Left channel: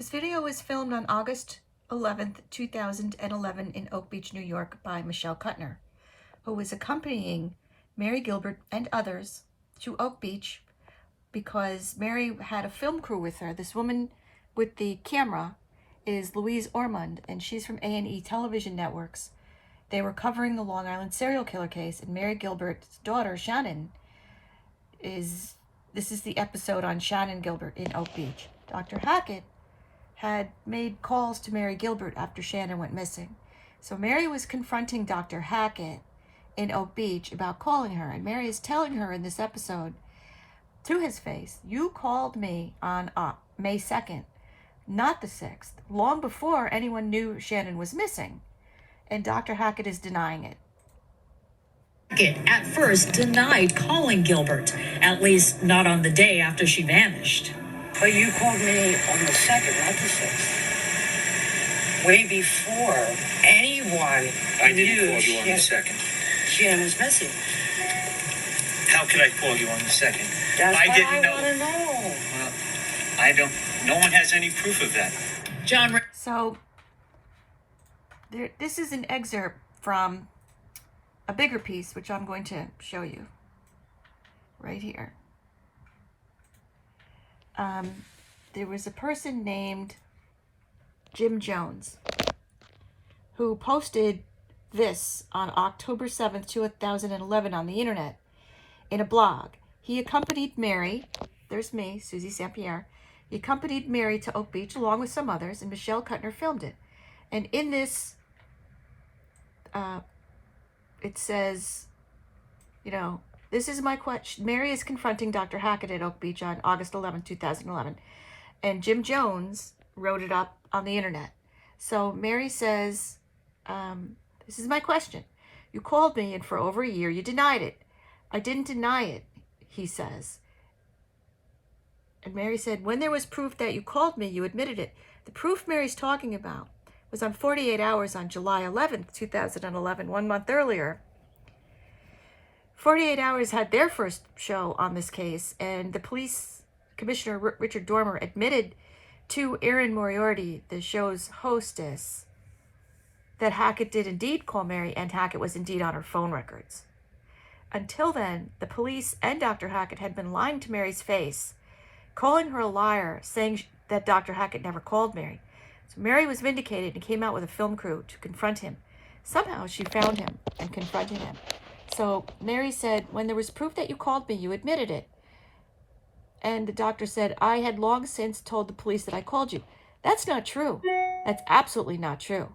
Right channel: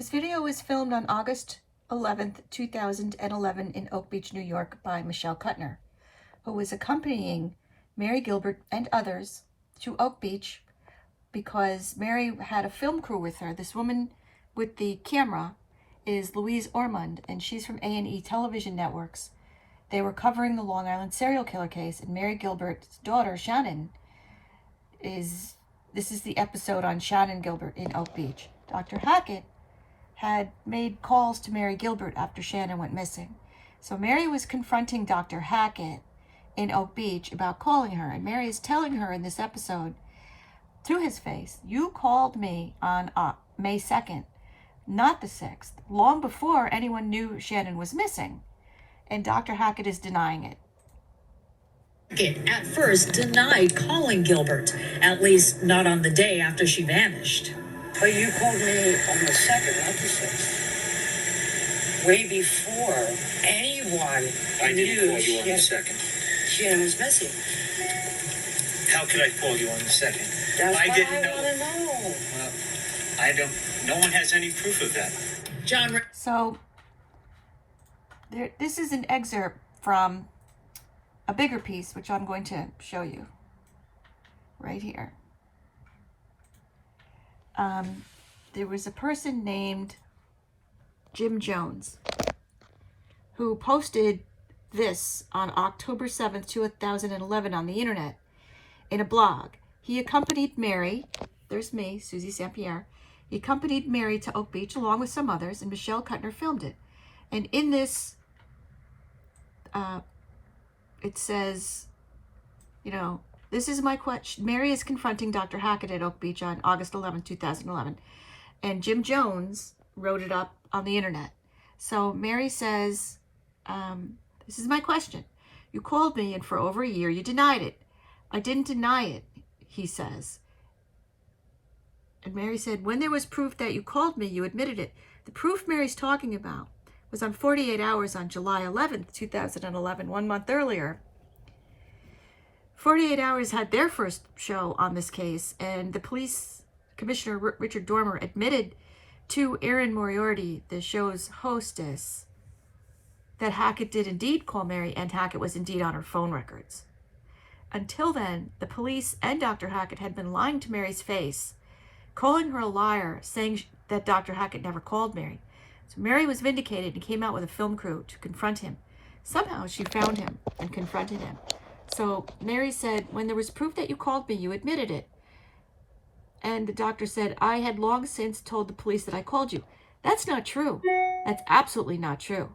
This video was filmed on August 11th, 2011 in Oak Beach, New York by Michelle Kuttner, who was accompanying Mary Gilbert and others to Oak Beach because Mary had a film crew with her. This woman with the camera is Louise Ormond, and she's from A&E Television Networks. They were covering the Long Island serial killer case, and Mary Gilbert's daughter, Shannon, this is the episode on Shannon Gilbert in Oak Beach. Dr. Hackett had made calls to Mary Gilbert after Shannon went missing. So Mary was confronting Dr. Hackett in Oak Beach about calling her, and Mary is telling her in this episode, to his face, you called me on May 2nd, not the 6th, long before anyone knew Shannon was missing. And Dr. Hackett is denying it. Hackett at first denied calling Gilbert, at least not on the day after she vanished. But you called me on the 2nd, not the 6th. Way before anyone I didn't knew call you on the 2nd. Shannon was missing. How could I call you on the 2nd? That's I what didn't I know. want to know. Well, I don't. No one has any proof of that. John. So this is an excerpt from a bigger piece, which I'm going to show you right here. There was a person named Jim Jones who posted this on October 7th, 2011 on the internet in a blog. He accompanied Mary, there's me, Susie St. Pierre. He accompanied Mary to Oak Beach along with some others, and Michelle Kuttner filmed it. And in this, it says, you know, this is my question. Mary is confronting Dr. Hackett at Oak Beach on August 11, 2011. And Jim Jones wrote it up on the internet. So Mary says, this is my question. You called me, and for over a year you denied it. I didn't deny it, he says. And Mary said, when there was proof that you called me, you admitted it. The proof Mary's talking about was on 48 Hours on July 11th, 2011, 1 month earlier. 48 Hours had their first show on this case, and the police commissioner, Richard Dormer, admitted to Erin Moriarty, the show's hostess, that Hackett did indeed call Mary, and Hackett was indeed on her phone records. Until then, the police and Dr. Hackett had been lying to Mary's face, calling her a liar, saying that Dr. Hackett never called Mary. So Mary was vindicated and came out with a film crew to confront him. Somehow she found him and confronted him. So Mary said, when there was proof that you called me, you admitted it. And the doctor said, I had long since told the police that I called you. That's not true. That's absolutely not true.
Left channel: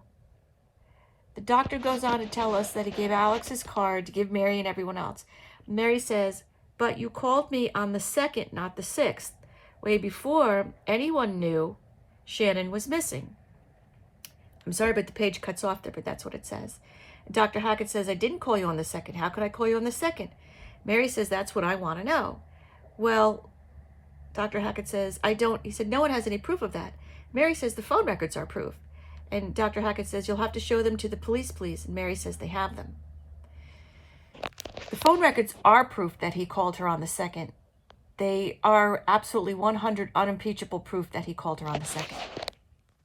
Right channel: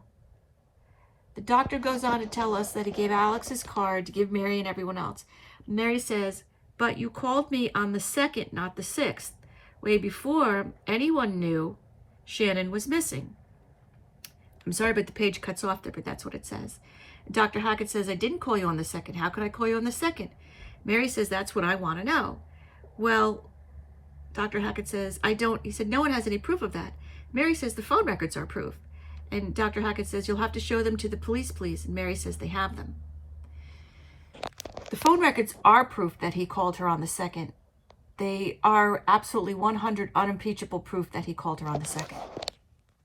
The doctor goes on to tell us that he gave Alex his card to give Mary and everyone else. Mary says, but you called me on the 2nd, not the 6th, way before anyone knew Shannon was missing. I'm sorry, but the page cuts off there, but that's what it says. Dr. Hackett says, I didn't call you on the 2nd. How could I call you on the 2nd? Mary says, that's what I want to know. Well, Dr. Hackett says, I don't. He said, no one has any proof of that. Mary says, the phone records are proof. And Dr. Hackett says, you'll have to show them to the police, please. And Mary says they have them. The phone records are proof that he called her on the 2nd. They are absolutely 100 unimpeachable proof that he called her on the 2nd.